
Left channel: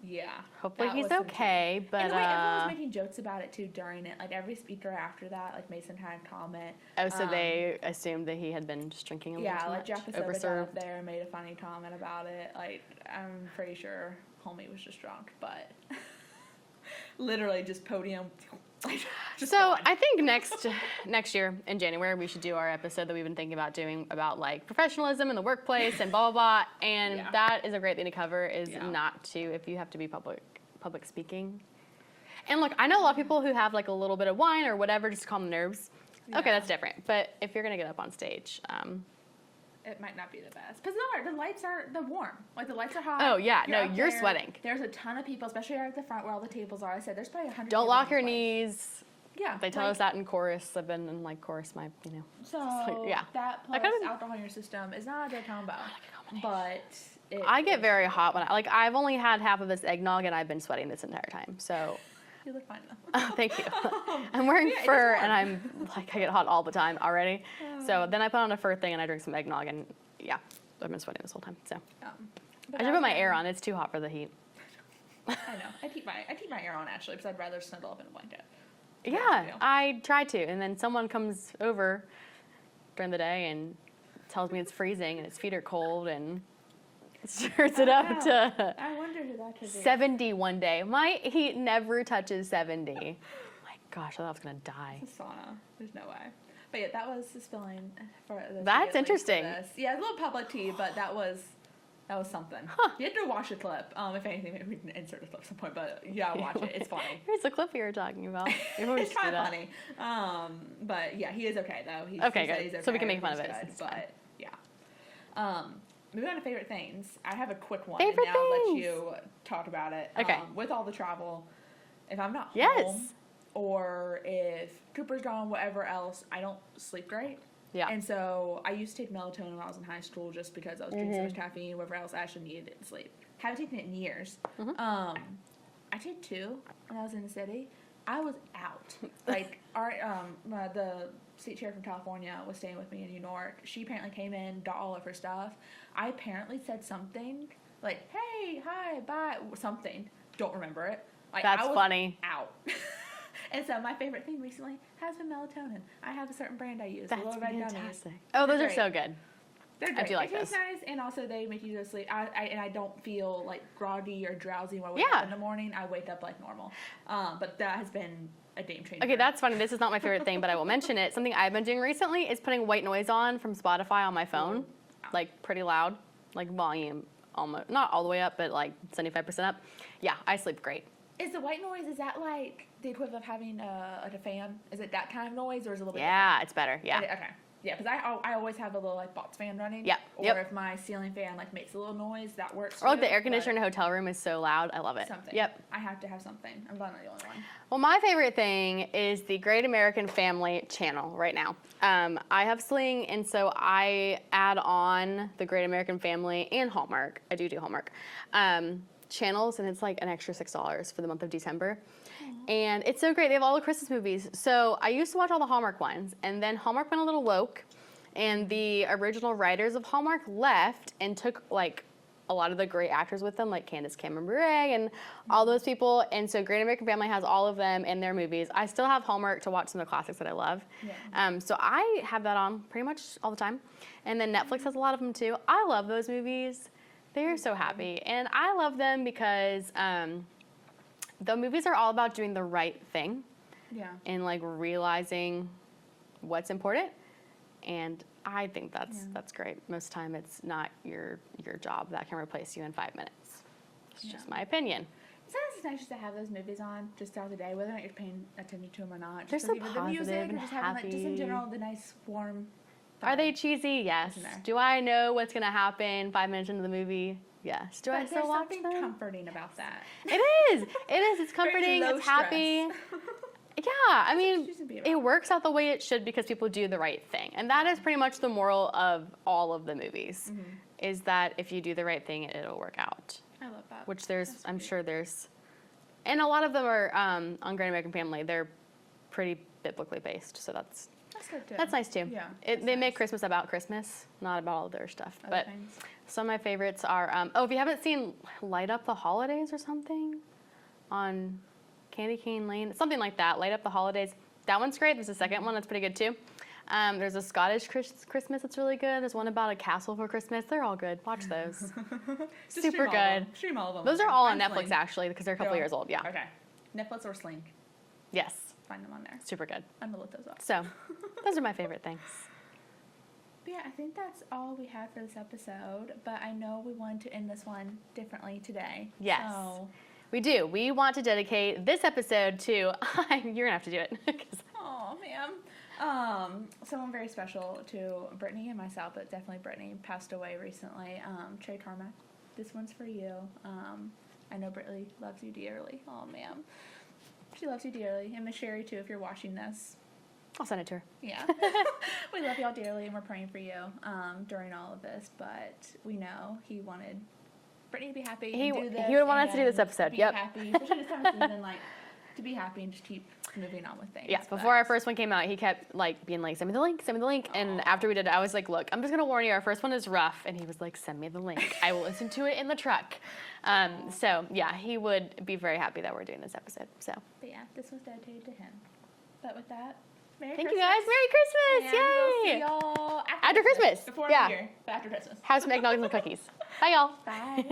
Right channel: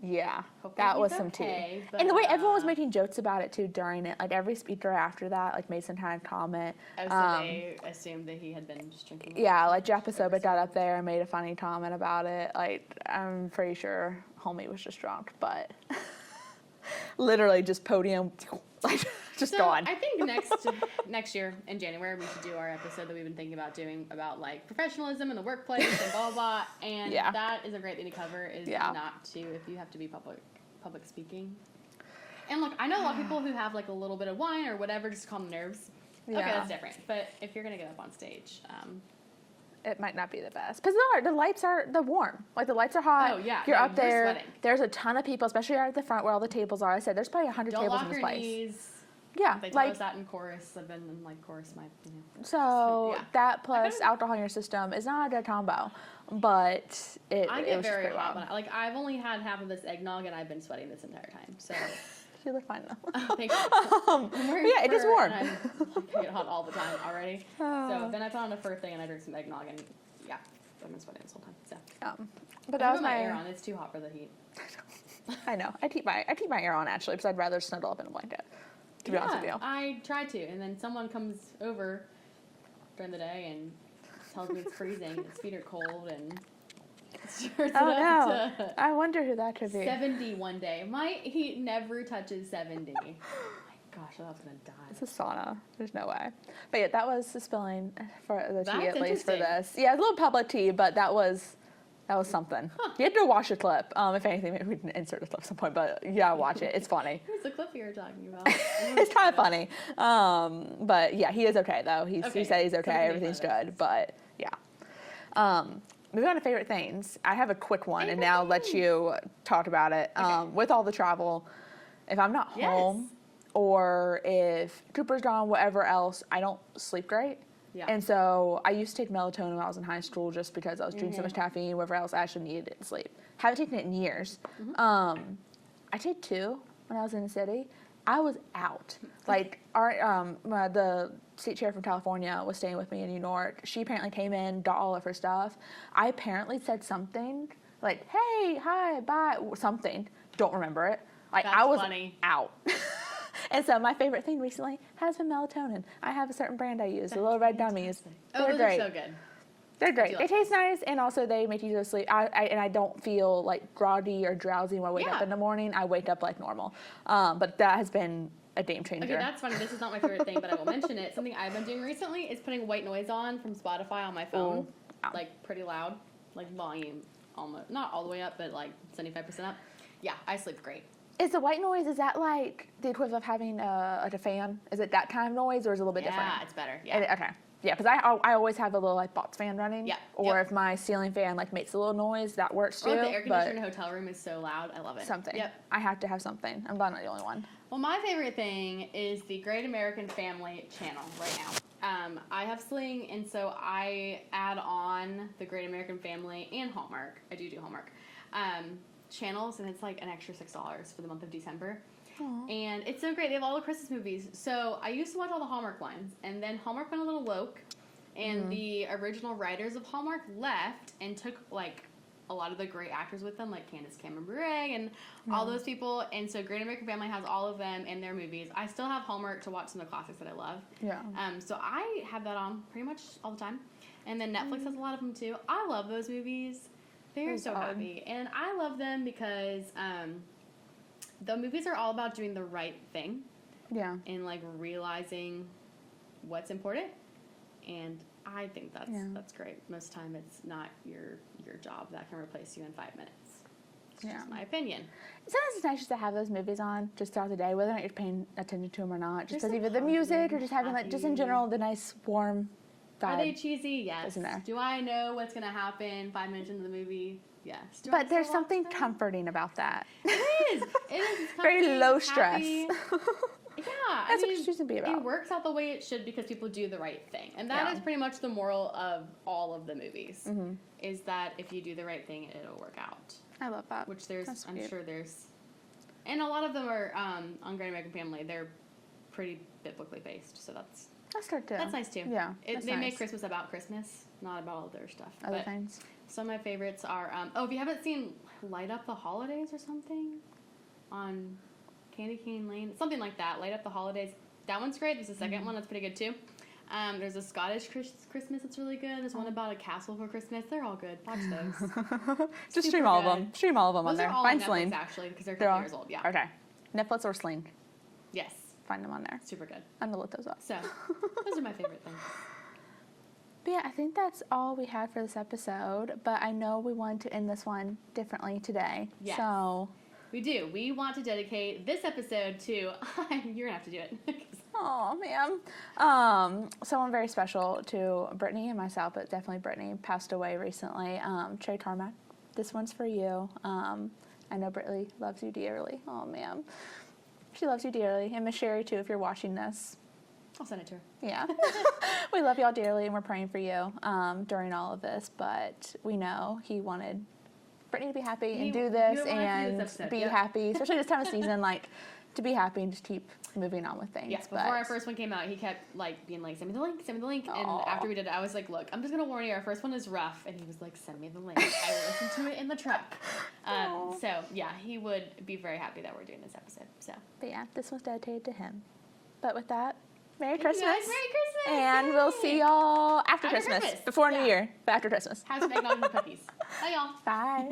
yeah. Hopefully that he's was some okay, tea. but, And the way everyone was making jokes about it, too, during it. Like, every speaker after that, like, made some kind of comment. Oh, so they assumed that he had been just drinking a little Yeah, too like, much, Jeff Pasoba got overserved. up there and made a funny comment about it. Like, I'm pretty sure homie was just drunk, but literally just podium, like, just So gone. I think next year in January we should do our episode that we've been thinking about doing about, like, professionalism in the workplace and blah blah blah. And Yeah. that is a great thing to cover. Is Yeah. not to, if you have to be public speaking. And look, I know a lot of people who have, like, a little bit of wine or whatever just to calm the nerves. Okay, Yeah. that's different. But if you're gonna get up on stage, It might not be the best. Because the lights are, they're warm. Like, the lights are hot. Oh, yeah. You're No, up you're there. sweating. There's a ton of people, especially right at the front where all the tables are. I said, there's probably 100 don't tables lock in this your place. knees. Yeah. They tell like, us that in chorus. I've been in, like, chorus So, So, yeah. that plus kinda- alcohol in your system is not a good combo. But I it get was very just hot warm. when I've only had half of this eggnog and I've been sweating this entire time. So You look fine, though. thank you. I'm wearing yeah, it is fur warm. and I'm like, I get hot all the time already. So then I put on a fur thing and I drink some eggnog and yeah, I've been sweating this whole time. So But I that put was my air on. It's too hot for the heat. I know. I keep my air on, actually, because I'd rather snuggle up in a blanket. To be honest with Yeah, you. I try to, and then someone comes over during the day and tells me it's freezing and its feet are cold and starts it up to I wonder who that could be. 70 one day. My heat never touches 70. Oh my gosh, I thought I was gonna die. It's a sauna. There's no way. But yeah, that was the spilling for the tea, That's at least, for interesting. this. Yeah, a little public tea, but that was something. You have to watch a clip. If anything, maybe we can insert a clip at some point. But yeah, watch it. It's funny. Here's the clip you were talking about. Maybe we It's should kind do of that. funny. But yeah, he is okay though. He Okay, said he's good. So okay. we can make fun Everything's of it. good. It's But yeah. Moving on to favorite things. I have a quick one, Favorite and now I'll let things. you talk about it. Okay. With all the travel, if I'm not Yes. home, or if Cooper's gone, whatever else, I don't sleep great. Yeah. And so I used to take melatonin when I was in high school just because I was drinking so Mm-hmm. much caffeine, whatever else, I actually needed it to sleep. Haven't taken it in years. Mm-hmm. I took 2 when I was in the city. I was out. Like, the state chair from California was staying with me in New York. She apparently came in, got all of her stuff. I apparently said something like, hey, hi, bye, or something. Don't remember it. Like, That's I was funny. out. And so my favorite thing recently has been melatonin. I have a certain brand I use, the That's little red fantastic. gummies. Oh, They're those are great. so good. They're great. do like They taste those. nice, and also they make you go to sleep. And I don't feel like groggy or drowsy when I wake up Yeah. in the morning. I wake up like normal. But that has been a game changer. Okay, that's funny. This is not my favorite thing, but I will mention it. Something I've been doing recently is putting white noise on from Spotify on my phone, Ooh. like pretty loud, like volume almost not all the way up, but like 75% up. Yeah, I sleep great. Is the white noise, is that like the equivalent of having like a fan? Is it that kind of noise, or is it a little bit Yeah, different? it's better. Yeah. Okay. Yeah, because I always have a little like box fan running. Yeah. Or if my ceiling fan like makes a little noise, that works too. Or like the air conditioner in a hotel room is so loud. I love it. Something. Yep. I have to have something. I'm not the only one. Well, my favorite thing is the Great American Family channel right now. I have Sling, and so I add on the Great American Family and Hallmark. I do Hallmark channels, and it's like an extra $6 for the month of December. Aww. And it's so great. They have all the Christmas movies. So I used to watch all the Hallmark ones, and then Hallmark went a little woke, and the original writers of Hallmark left and took like a lot of the great actors with them, like Candace Cameron Bure and all those people. And so Great American Family has all of them in their movies. I still have Hallmark to watch some of the classics that I love. Yeah. So I have that on pretty much all the time. And then Netflix has a lot of them too. I love those movies. They're so happy. And I love them because the movies are all about doing the right thing. Yeah. And like realizing what's important. And I think that's great. Most of the time it's not your job that can replace you in 5 minutes. It's just my opinion. Sometimes it's nice just to have those movies on just throughout the day, whether or not you're paying attention to them or not. Just so either the music or just having like, just in general the nice warm vibe. Are they cheesy? Yes. Do I know what's going to happen 5 minutes into the movie? Yes. But there's something comforting about that. It is. It's comforting. Very low it's stress. Happy. Yeah, I mean, it works out the way it should because people do the right thing. And that is pretty much the moral of all of the movies, is that if you do the right thing, it'll work out. I love that. Which I'm sure there's, and a lot of them are, on Great American Family, they're pretty biblically based, so that's good too. That's nice too. Yeah, they make Christmas about Christmas, not about all of their stuff. Other things. Some of my favorites are, if you haven't seen Light Up the Holidays or something on Candy Cane Lane, something like that. Light Up the Holidays. That one's great. There's a second one that's pretty good too. There's a Scottish Christmas that's really good. There's one about a castle for Christmas. They're all good. Watch those. Just stream all of them. Stream all of them. Those are all on Netflix actually because they're a couple years old. Yeah. Okay. Netflix or Sling. Yes. Find them on there. Super good. I'm gonna look those up. So, those are my favorite things. But yeah, I think that's all we had for this episode. But I know we wanted to end this one differently today. Yes. So. We do. We want to dedicate this episode to, you're going to have to do it. Oh, man. Someone very special to Brittany and myself, but definitely Brittany, passed away recently. Trey Carmack, this one's for you. I know Brittany loves you dearly. Oh, man. She loves you dearly. And Miss Sherry, too, if you're watching this. I'll send it to her. Yeah. We love y'all dearly, and we're praying for you during all of this. But we know he wanted Brittany to be happy and do this. He would want us to do this episode. Be happy, especially this time of season, like to be happy and just keep moving on with things. Yes, before our first one came out, he kept like being like, "Send me the link, send me the link." Aww. And after we did it, I was like, "Look, I'm just gonna warn you, our first one is rough." And he was like, "Send me the link. I will listen to it in the truck." So yeah, he would be very happy that we're doing this episode. So. But yeah, this was dedicated to him. But with that. Merry Thank Christmas. You guys. Merry Christmas. And Yay. we'll see y'all after Christmas. Before New Year, but after Christmas. Have some eggnog and cookies. Bye, y'all. Bye.